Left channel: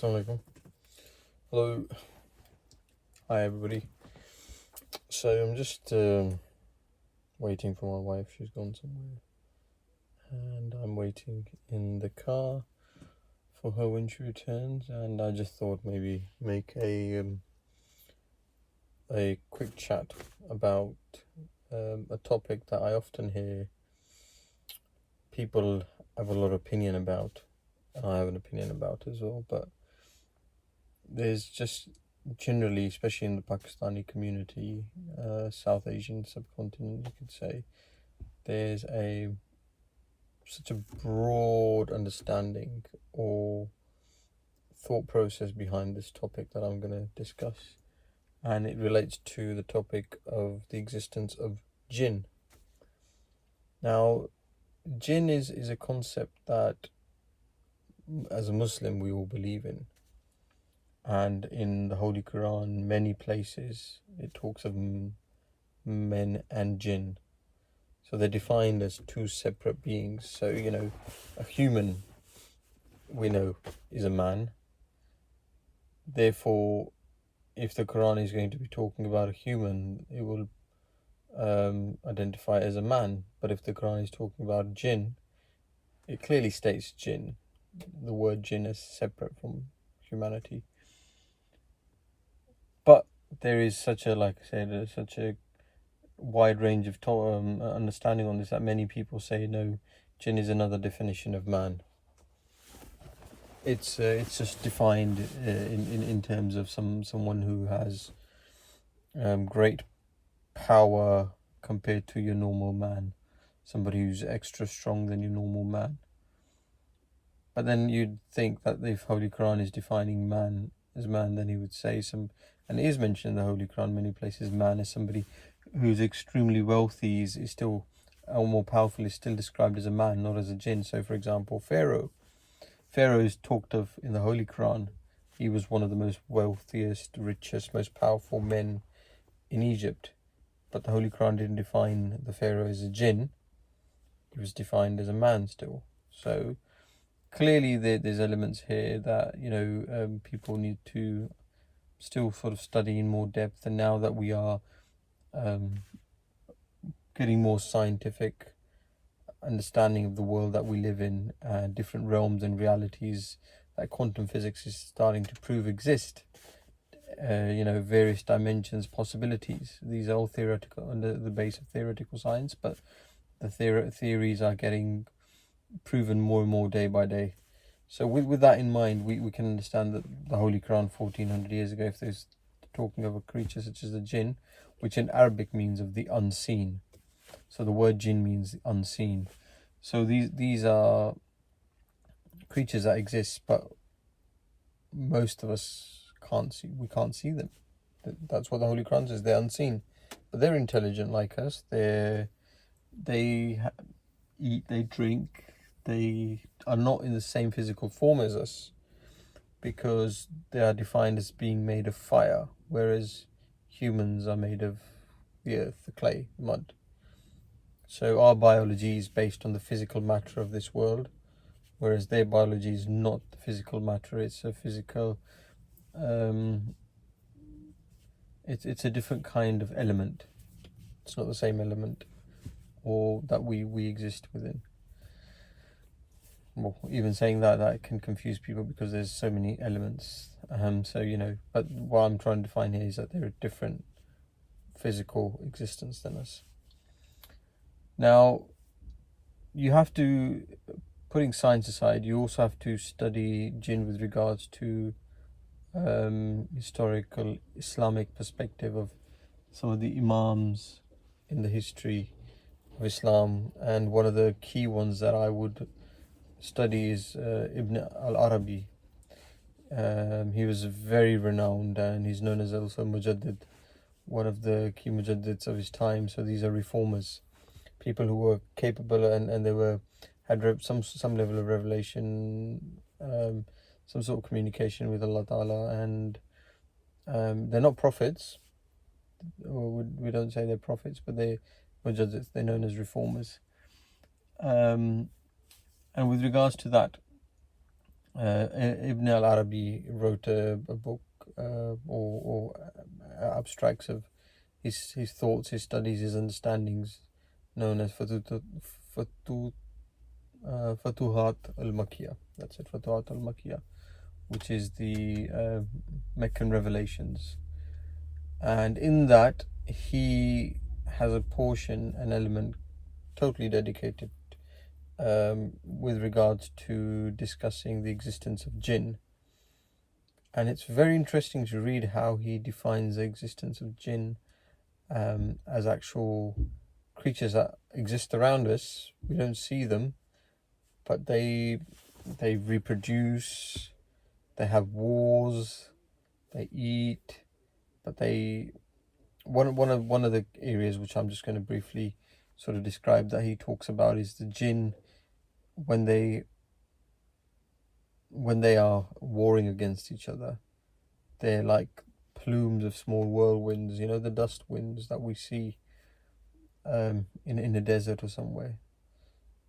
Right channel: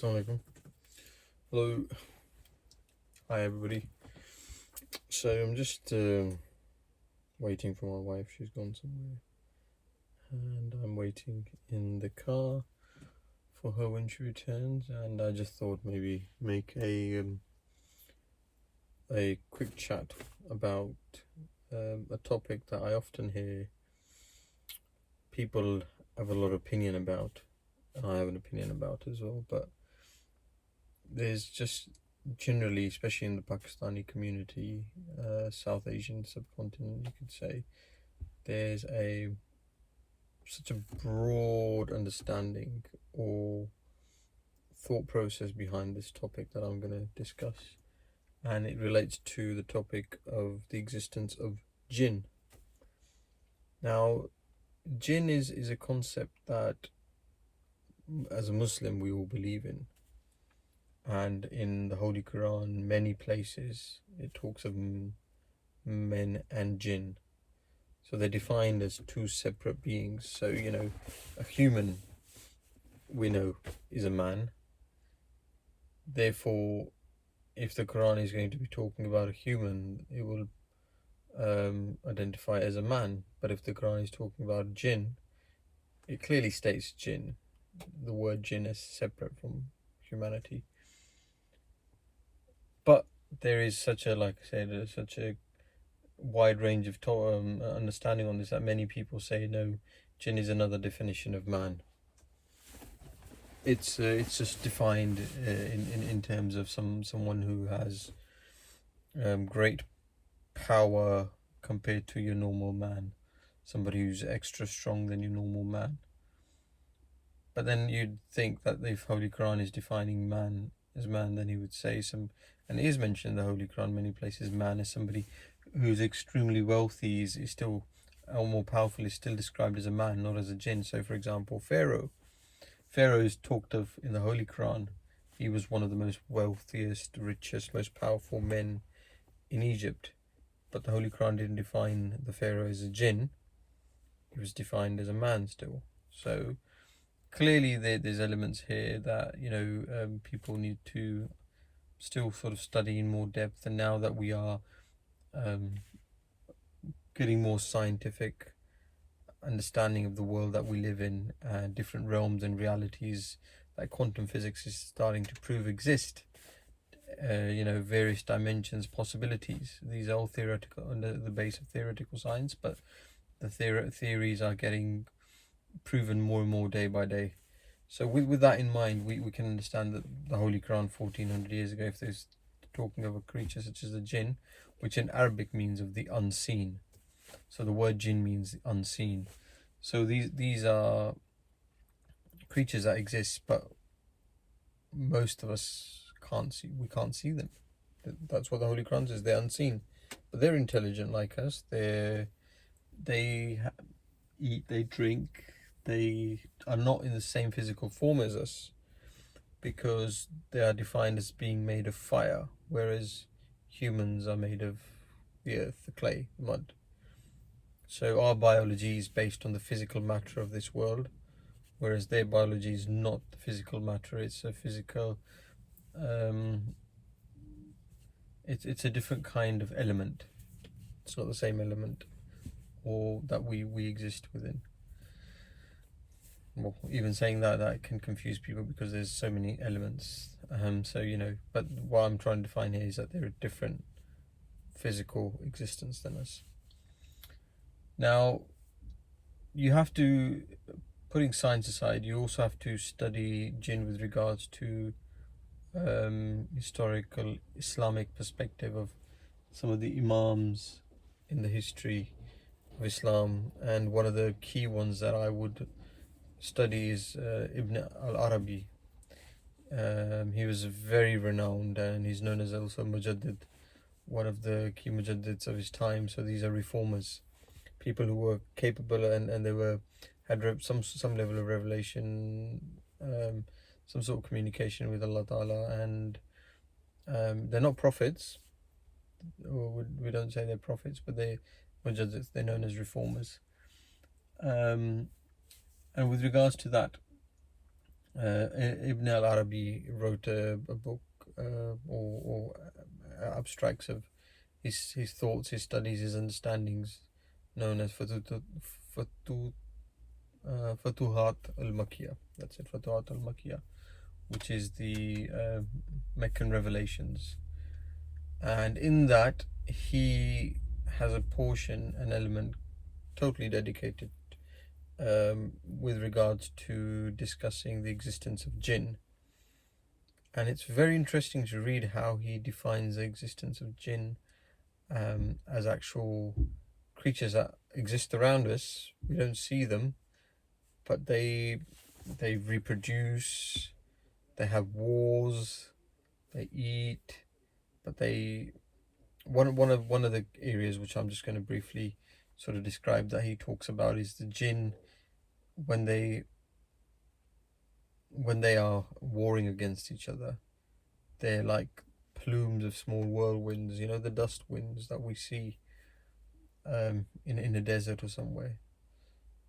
Assalamu alaikum. Hello. Hi everybody. So I'm just waiting for my wife. She's gone somewhere. And I'm waiting in the car for her when she returns. And I just thought maybe make a quick chat about a topic that I often hear people have a lot of opinion about. And I have an opinion about as well. But there's just generally, especially in the Pakistani community, South Asian subcontinent, you could say, there's such a broad understanding or thought process behind this topic that I'm going to discuss, and it relates to the topic of the existence of Jinn. Now, Jinn is a concept that, as a Muslim, we all believe in. And in the Holy Quran, many places, it talks of men and jinn. So they're defined as two separate beings. So, a human, we know, is a man. Therefore, if the Quran is going to be talking about a human, it will identify as a man. But if the Quran is talking about jinn, it clearly states jinn. The word jinn is separate from humanity. But there is such a, such a wide range of understanding on this that many people say no, jinn is another definition of man. It's just defined in terms of someone who has great power compared to your normal man, somebody who's extra strong than your normal man. But then you'd think that if Holy Quran is defining man as man, then he would say and it is mentioned in the Holy Quran many places, man is somebody who's extremely wealthy, is still, or more powerful, is still described as a man, not as a jinn. So for example, Pharaoh is talked of in the Holy Quran. He was one of the most wealthiest, richest, most powerful men in Egypt. But the Holy Quran didn't define the Pharaoh as a jinn. He was defined as a man still. So clearly there's elements here that people need to still sort of study in more depth. And now that we are getting more scientific understanding of the world that we live in, different realms and realities that quantum physics is starting to prove exist, various dimensions, possibilities. These are all theoretical, under the base of theoretical science, but the theories are getting proven more and more day by day. So with that in mind, we can understand that the Holy Quran 1400 years ago, if there's talking of a creature such as a jinn, which in Arabic means of the unseen. So the word jinn means unseen. So these are creatures that exist, but most of us can't see. We can't see them. That's what the Holy Quran says. They're unseen, but they're intelligent like us. They eat, they drink. They are not in the same physical form as us because they are defined as being made of fire, whereas humans are made of the earth, the clay, mud. So our biology is based on the physical matter of this world, whereas their biology is not the physical matter. It's a physical, it's a different kind of element. It's not the same element or that we exist within. Well, even saying that can confuse people because there's so many elements. But what I'm trying to define here is that they're a different physical existence than us. Now, you have to, putting science aside, you also have to study jinn with regards to historical Islamic perspective of some of the imams in the history of Islam. And one of the key ones that I would study is Ibn al-Arabi. He was very renowned, and he's known as also Mujaddid, one of the key Mujaddids of his time. So these are reformers, people who were capable and they had some level of revelation, some sort of communication with Allah Ta'ala, and they're not prophets, or we don't say they're prophets, but they're Mujaddids, they're known as reformers. And with regards to that, Ibn al-Arabi wrote a book, or abstracts of his thoughts, his studies, his understandings, known as Fatu, Fatuhat al-Makkiyah. That's it, Fatuhat al-Makkiyah, which is the Meccan revelations. And in that, he has a portion, an element totally dedicated with regards to discussing the existence of Jinn. And it's very interesting to read how he defines the existence of Jinn as actual creatures that exist around us. We don't see them, but they reproduce, they have wars, they eat, but they one of the areas which I'm just going to briefly sort of describe that he talks about is the Jinn when they are warring against each other. They're like plumes of small whirlwinds, you know, the dust winds that we see in a desert or somewhere.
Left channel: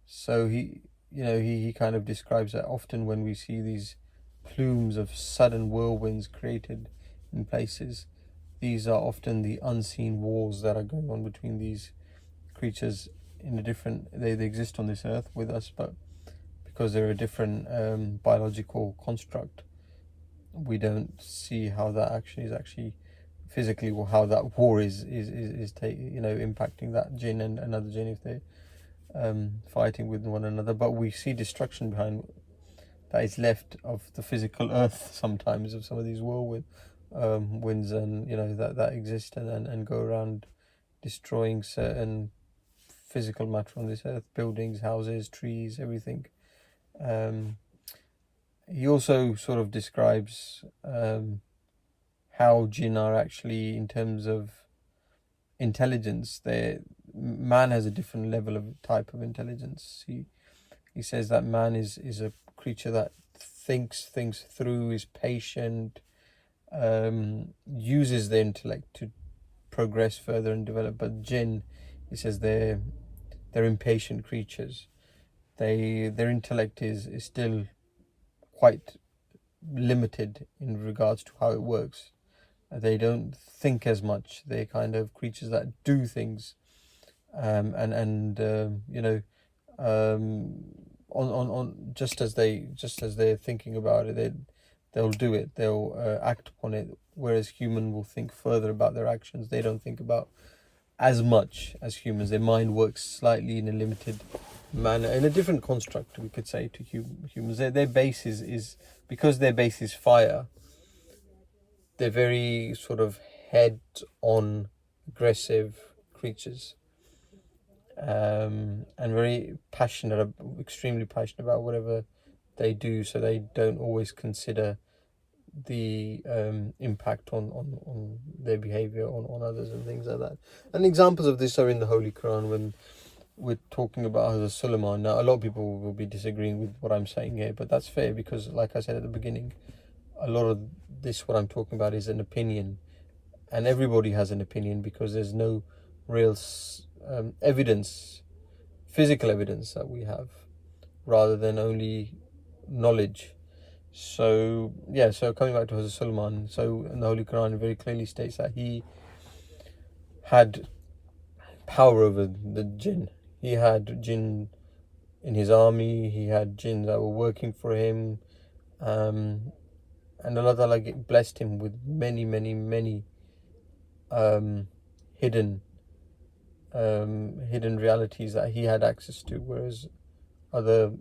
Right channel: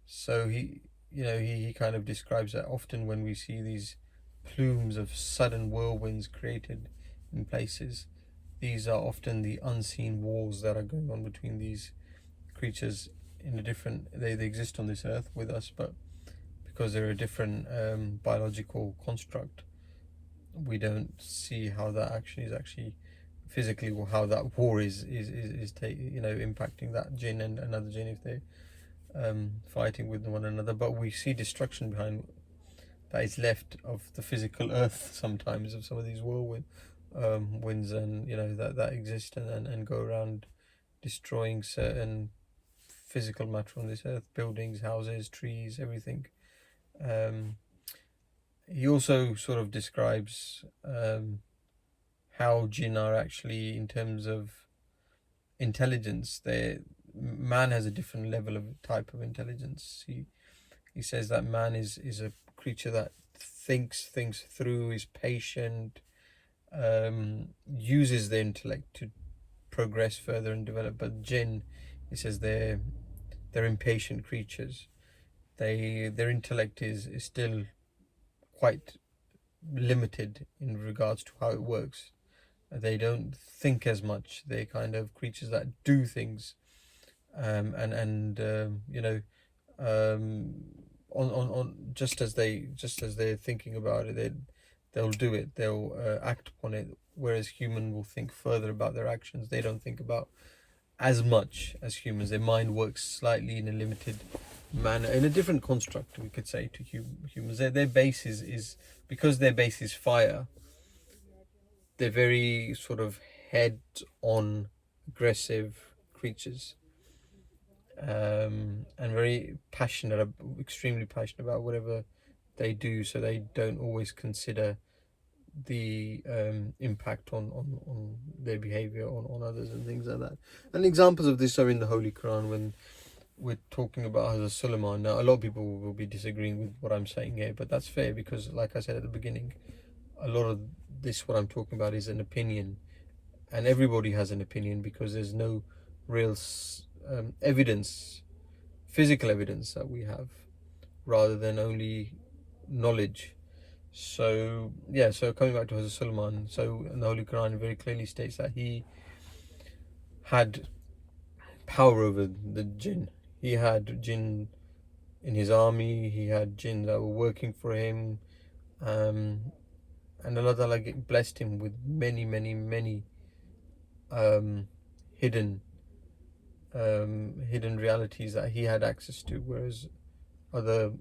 So he kind of describes that often when we see these plumes of sudden whirlwinds created in places, these are often the unseen wars that are going on between these creatures in a different, they exist on this earth with us, but because they're a different biological construct, we don't see how that is actually physically, or how that war is impacting that Jinn and another Jinn if they're fighting with one another. But we see destruction behind that is left of the physical earth sometimes, of some of these whirlwind winds, and that exist and go around destroying certain physical matter on this earth, buildings, houses, trees, everything. He also sort of describes how Jinn are actually, in terms of intelligence, man has a different level of type of intelligence. He says that man is a creature that thinks things through, is patient, uses their intellect to progress further and develop. But Jinn, he says, they're impatient creatures. Their intellect is still quite limited in regards to how it works. They don't think as much. They're kind of creatures that do things, on just as they're thinking about it, they'll do it. They'll act upon it. Whereas human will think further about their actions. They don't think about as much as humans. Their mind works slightly in a limited manner, in a different construct, we could say, to humans. Their base is because their base is fire. They're very sort of head-on, aggressive creatures, and very passionate, extremely passionate about whatever they do. So they don't always consider the impact on their behavior on others and things like that. And examples of this are in the Holy Quran when we're talking about Hazrat Sulaiman. Now, a lot of people will be disagreeing with what I'm saying here, but that's fair because, like I said at the beginning, a lot of this, what I'm talking about, is an opinion, and everybody has an opinion because there's no real evidence, physical evidence that we have, rather than only knowledge. So coming back to Hazrat Sulaiman, so in the Holy Quran it very clearly states that he had power over the Jinn. He had Jinn in his army, he had Jinn that were working for him, and Allah Ta'ala blessed him with many hidden realities that he had access to, whereas other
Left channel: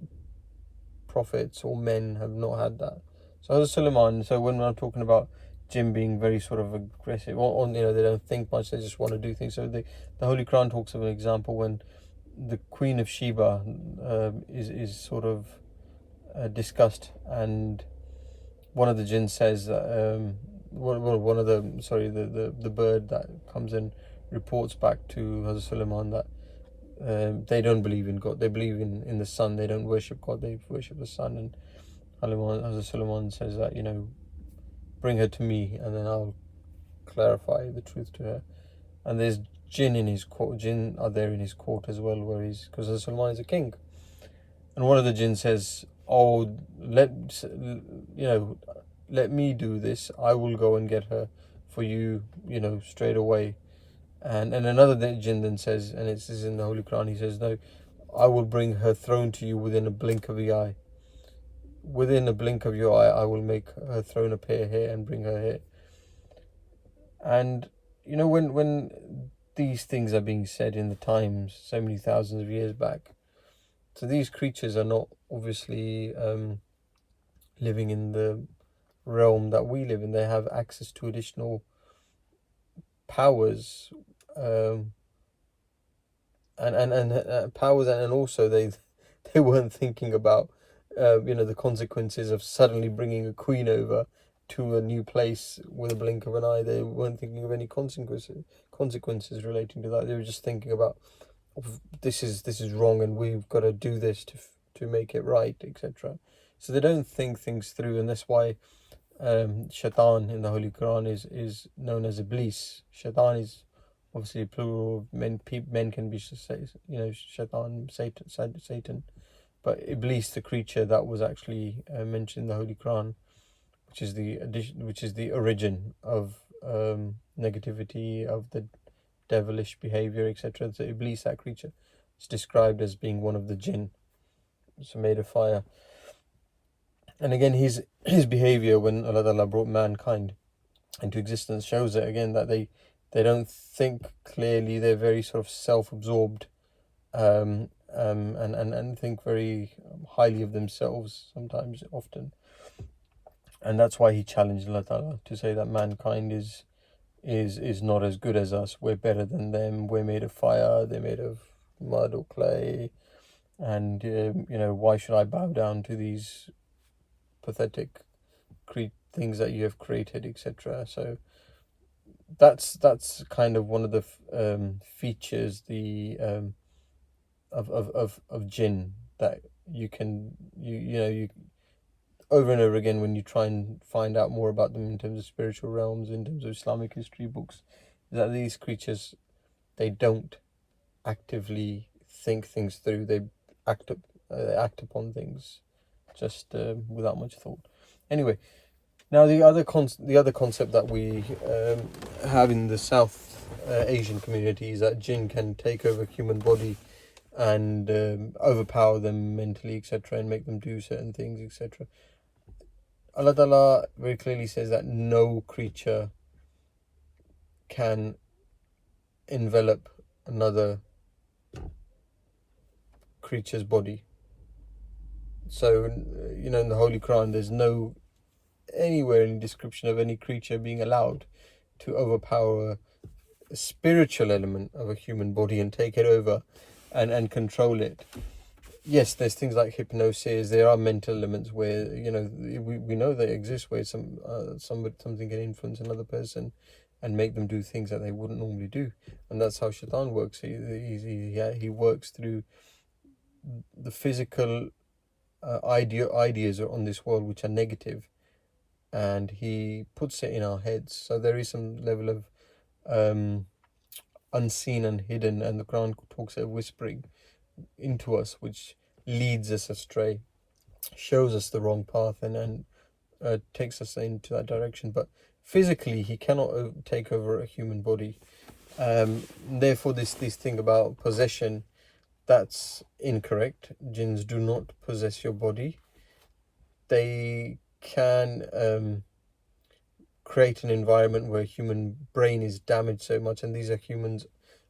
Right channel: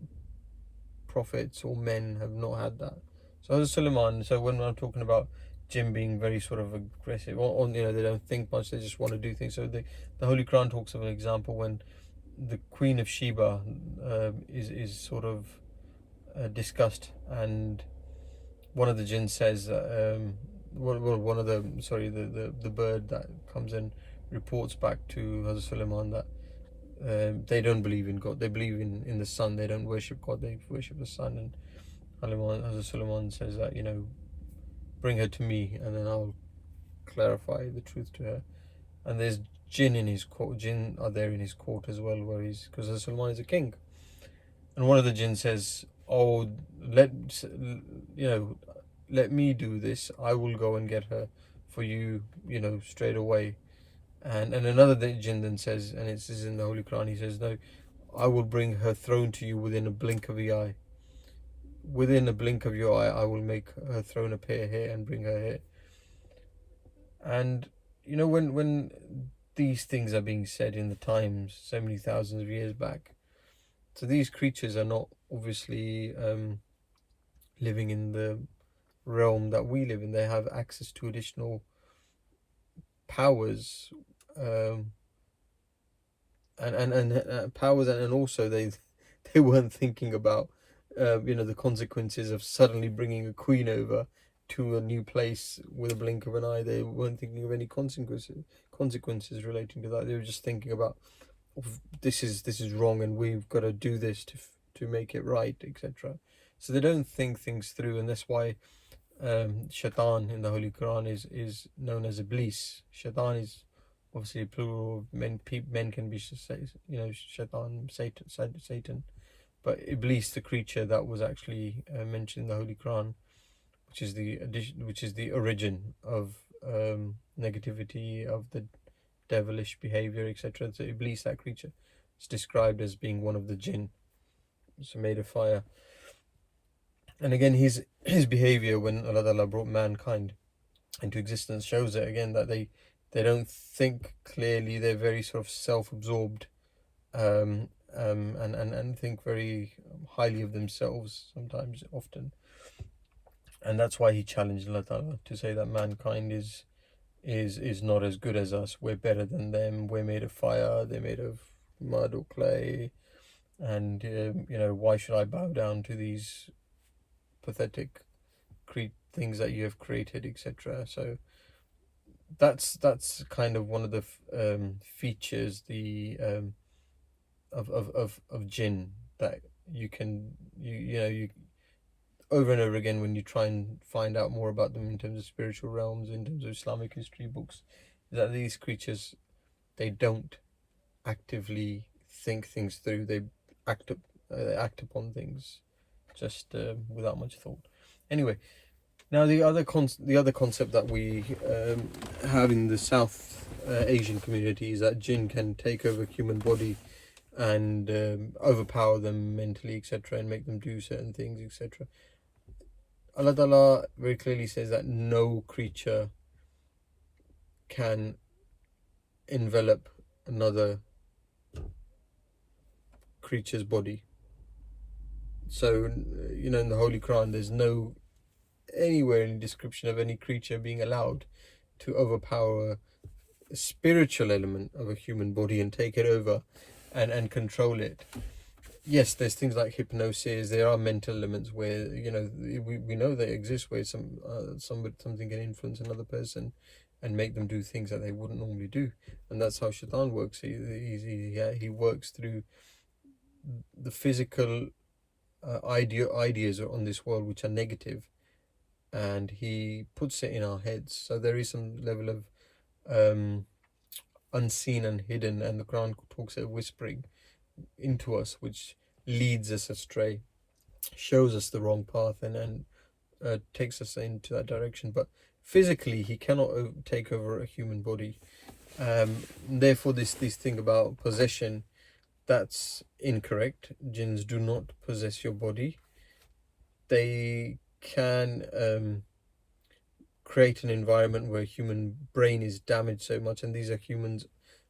prophets or men have not had that. So Hazrat Sulaiman, so when I'm talking about Jinn being very sort of aggressive, or they don't think much, they just want to do things. So the Holy Quran talks of an example when the Queen of Sheba is sort of discussed, and one of the Jinn says that one of the bird that comes and reports back to Hazrat Sulaiman that they don't believe in God, they believe in the sun, they don't worship God, they worship the sun. And Hazrat Sulaiman says that, bring her to me and then I'll clarify the truth to her. And there's Jinn in his court. Jinn are there in his court as well, because Hazrat Sulaiman is a king. And one of the Jinn says, oh, let me do this. I will go and get her for you, straight away. And another jinn then says, and it says in the Holy Quran, he says, no, I will bring her throne to you within a blink of the eye. Within a blink of your eye, I will make her throne appear here and bring her here. And when these things are being said in the times, so many thousands of years back, so these creatures are not obviously living in the realm that we live in. They have access to additional powers, and powers, and also they weren't thinking about the consequences of suddenly bringing a queen over to a new place with a blink of an eye. They weren't thinking of any consequences relating to that. They were just thinking about, this is wrong and we've got to do this to make it right, etc. So they don't think things through, and that's why Shaitan in the Holy Quran is known as Iblis. Shaitan is obviously plural of men. Men can be Shaitan, Satan, but Iblis, the creature that was actually mentioned in the Holy Quran, which is the origin of negativity, of the devilish behavior, etc. So Iblis, that creature, is described as being one of the Jinn, so made of fire. And again, his behavior when Allah Ta'ala brought mankind into existence shows it again, that they don't think clearly. They're very sort of self-absorbed, and think very highly of themselves sometimes, often. And that's why he challenged Allah Ta'ala to say that mankind is not as good as us. We're better than them. We're made of fire. They're made of mud or clay. And why should I bow down to these pathetic things that you have created, etc. So that's kind of one of the features of jinn, that you can you over and over again, when you try and find out more about them in terms of spiritual realms, in terms of Islamic history books, is that these creatures, they don't actively think things through. They act upon things just without much thought. Anyway, now the other concept that we have in the South Asian community is that jinn can take over human body and overpower them mentally, etc., and make them do certain things, etc. Allah Ta'ala very clearly says that no creature can envelop another creature's body. So, in the Holy Quran, there's no anywhere in description of any creature being allowed to overpower a spiritual element of a human body and take it over and control it. Yes, there's things like hypnosis. There are mental elements where we know they exist, where something can influence another person and make them do things that they wouldn't normally do, and that's how Shaitan works. He works through the physical ideas on this world which are negative, and he puts it in our heads. So there is some level of unseen and hidden, and the Quran talks of whispering into us, which leads us astray, shows us the wrong path, and takes us into that direction. But physically, he cannot take over a human body. Therefore, this thing about possession, that's incorrect. Jinns do not possess your body. They can create an environment where human brain is damaged so much, and these are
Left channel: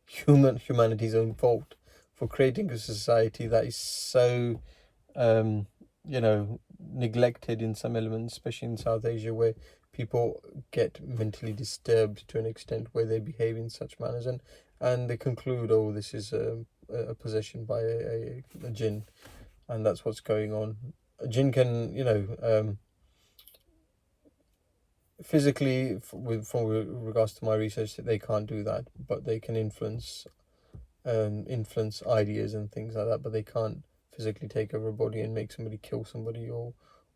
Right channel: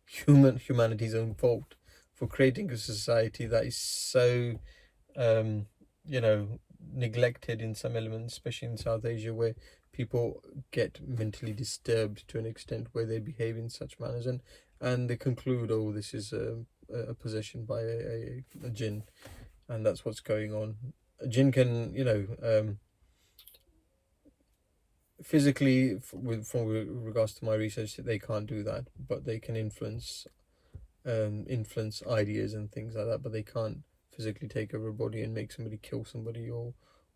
humanity's own fault for creating a society that is so neglected in some elements, especially in South Asia, where people get mentally disturbed to an extent where they behave in such manners, and they conclude, oh, this is a possession by a jinn, and that's what's going on. A jinn can physically, from regards to my research, they can't do that, but they can influence ideas and things like that, but they can't physically take over a body and make somebody kill somebody,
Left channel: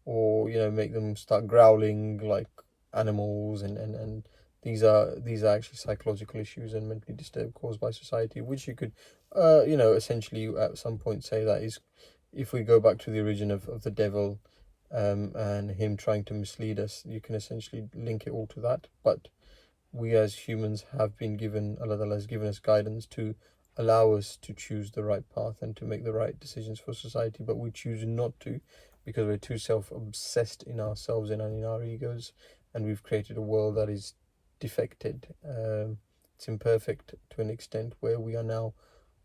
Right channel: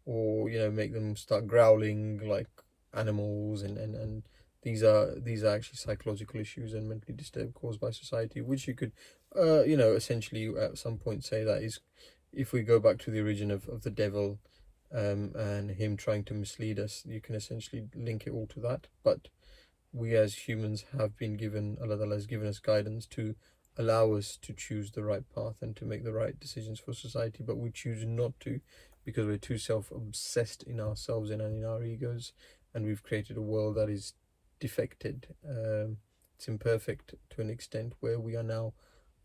or make them start growling like animals, and these are actually psychological issues and mentally disturbed caused by society, which you could essentially at some point say that if we go back to the origin of the devil, and him trying to mislead us, you can essentially link it all to that. But we as humans have been given, Allah Ta'ala has given us guidance to allow us to choose the right path and to make the right decisions for society, but we choose not to because we're too self-obsessed in ourselves and in our egos, and we've created a world that is defected. It's imperfect to an extent where we are now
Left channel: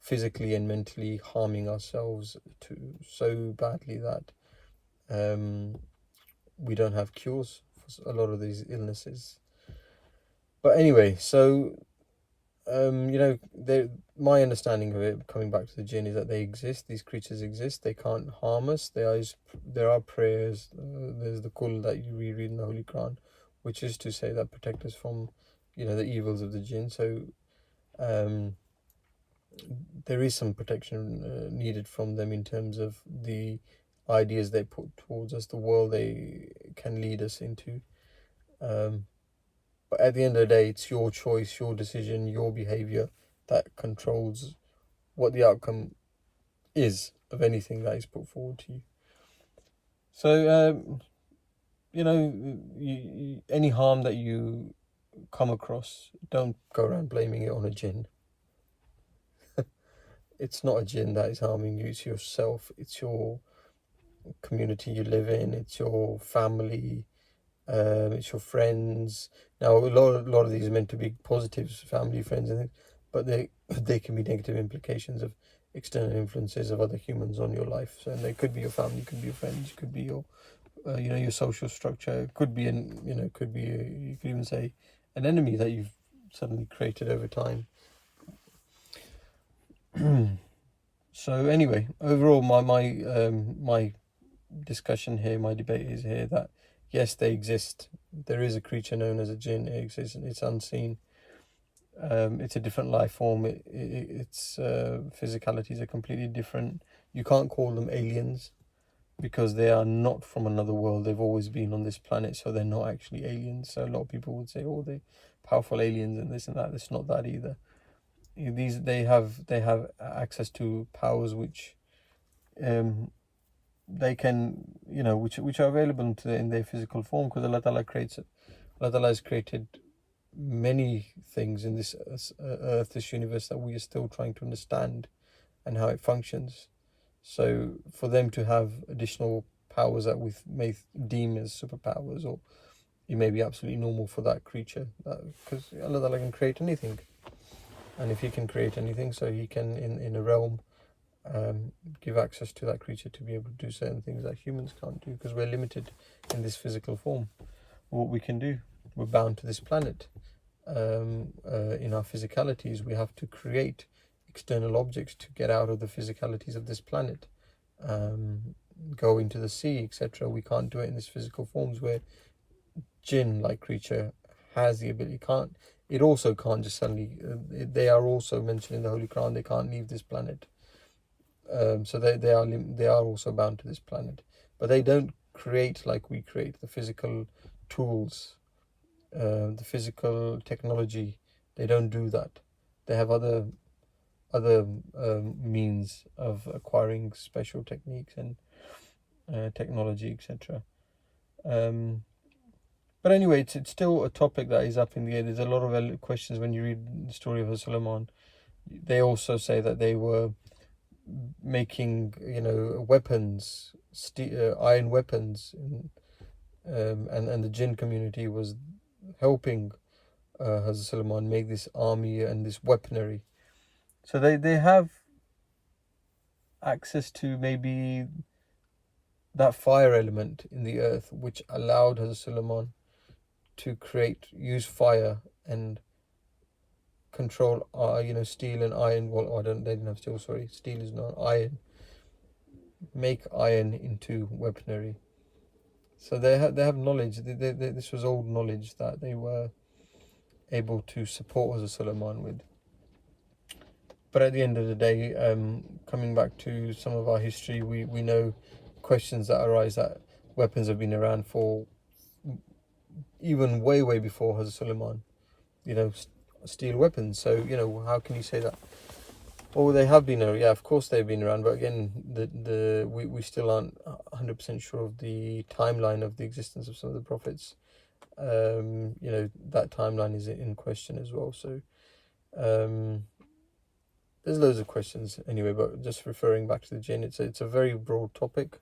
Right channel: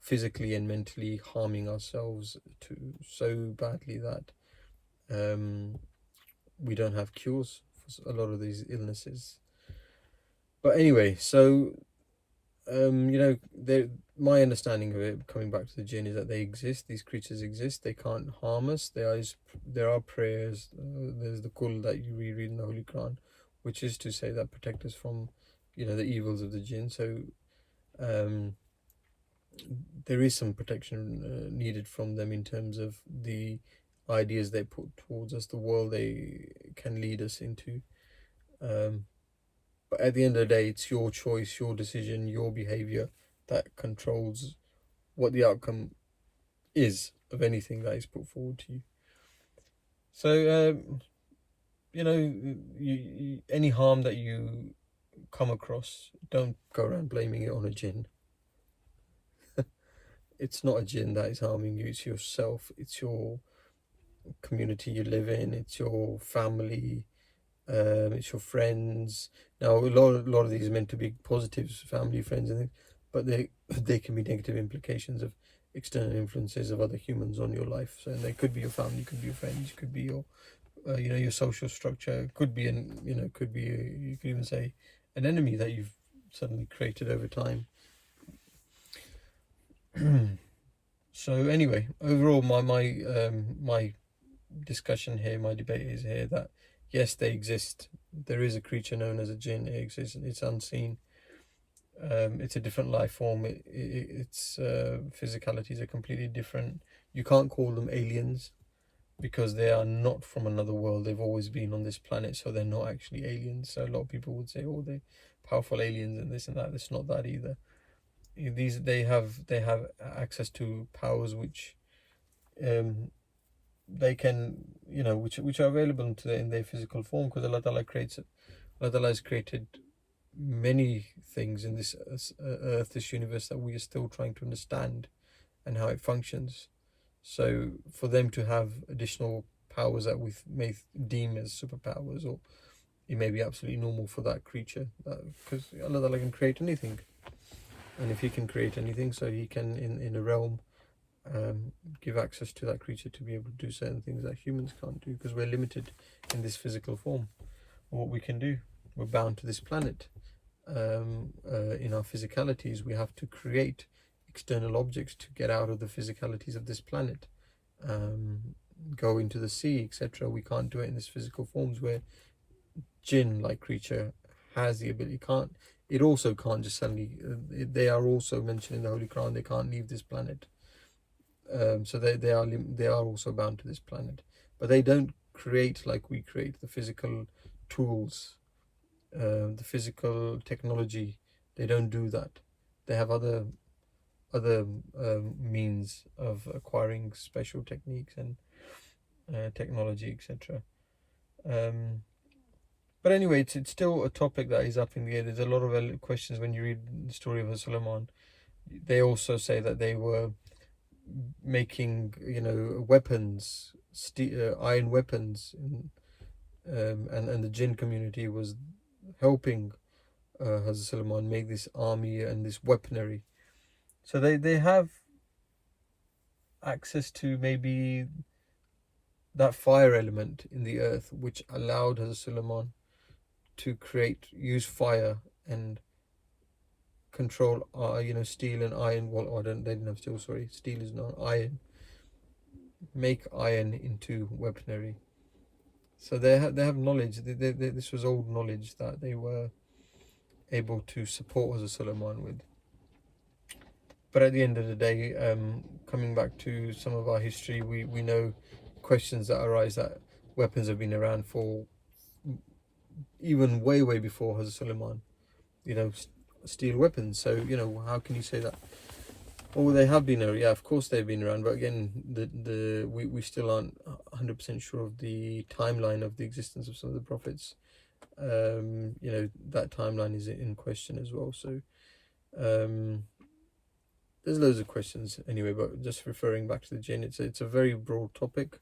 physically and mentally harming ourselves to so badly that we don't have cures for a lot of these illnesses. But anyway, so my understanding of it, coming back to the jinn, is that they exist. These creatures exist. They can't harm us. There are prayers. There's the kul that you read in the Holy Quran, which is to say that protect us from, the evils of the jinn. So, there is some protection needed from them in terms of the ideas they put towards us, the world they can lead us into. But at the end of the day, it's your choice, your decision, your behavior that controls what the outcome is of anything that is put forward to you. So, any harm that you come across, don't go around blaming it on a jinn. It's not a jinn that is harming you, it's yourself, it's your community you live in, it's your family, it's your friends. Now, a lot of these are meant to be positives, family, friends, and things, but they can be negative implications of external influences of other humans on your life. So they could be your family, could be your friends, could be your your social structure, could be you could even say an enemy that you've suddenly created over time. So anyway, overall, my discussion here, my debate is here that yes, they exist. There is a creature known as a jinn. It exists. It's unseen. It's a different life form. Its physicalities are completely different. You can't call them aliens because they are not from another world. They've always been on this planet, so they're not actually aliens. So a lot of people would say, "Oh, they're powerful aliens and this and that." It's not that either. They have access to powers which they can which are available to in their physical form, because Allah Ta'ala has created many things in this earth, this universe, that we are still trying to understand and how it functions. So for them to have additional powers that we may deem as superpowers, or it may be absolutely normal for that creature, because Allah Ta'ala can create anything. And if he can create anything, so he can, in a realm, give access to that creature to be able to do certain things that humans can't do, because we're limited in this physical form. What we can do, we're bound to this planet. In our physicalities, we have to create external objects to get out of the physicalities of this planet. Go into the sea, etc. We can't do it in this physical forms, where jinn-like creature has the ability. It also can't just suddenly. They are also mentioned in the Holy Quran. They can't leave this planet. So they are also bound to this planet, but they don't create like we create, the physical tools, the physical technology. They don't do that. They have other means of acquiring special techniques and technology, etc. But anyway, it's still a topic that is up in the air. There's a lot of questions when you read the story of Suleiman. They also say that they were making weapons, iron weapons, and the jinn community was helping Hazrat Suleiman make this army and this weaponry. So they have access to maybe that fire element in the earth, which allowed Hazrat Suleiman to use fire and control steel and iron. Well, they didn't have steel, sorry, steel is not iron. Make iron into weaponry. So they have knowledge. This was old knowledge that they were able to support Hazrat Suleiman with. But at the end of the day, coming back to some of our history, we know questions that arise, that weapons have been around for even way before Hazrat Suleiman, steel weapons. So how can you say that Oh, they have been around. Yeah, of course they've been around. But again, we still aren't 100% sure of the timeline of the existence of some of the prophets. You know, that timeline is in question as well. So there's loads of questions anyway. But just referring back to the jinn, it's a very broad topic.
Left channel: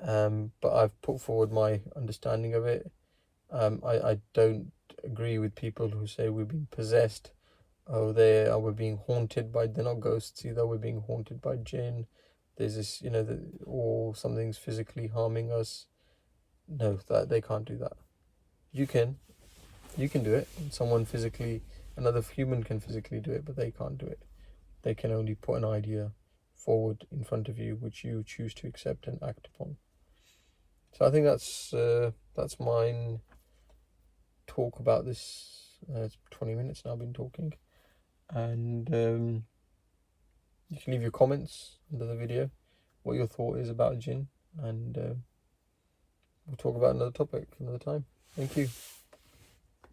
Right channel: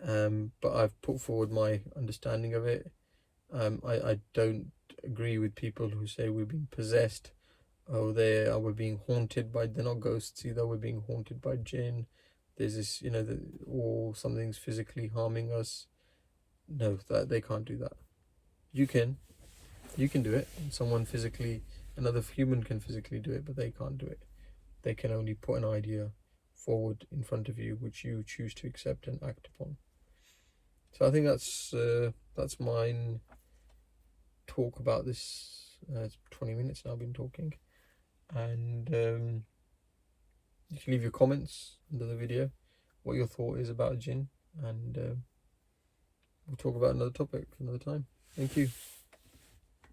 But I've put forward my understanding of it. I don't agree with people who say we're being possessed. Oh, we're being haunted by, they're not ghosts either, we're being haunted by jinn. There's this, you know, or something's physically harming us. No, that they can't do that. You can do it. Another human can physically do it, but they can't do it. They can only put an idea forward in front of you, which you choose to accept and act upon. So I think that's mine talk about this. It's 20 minutes now I've been talking, and you can leave your comments under the video what your thought is about jinn, and we'll talk about another topic another time. Thank you.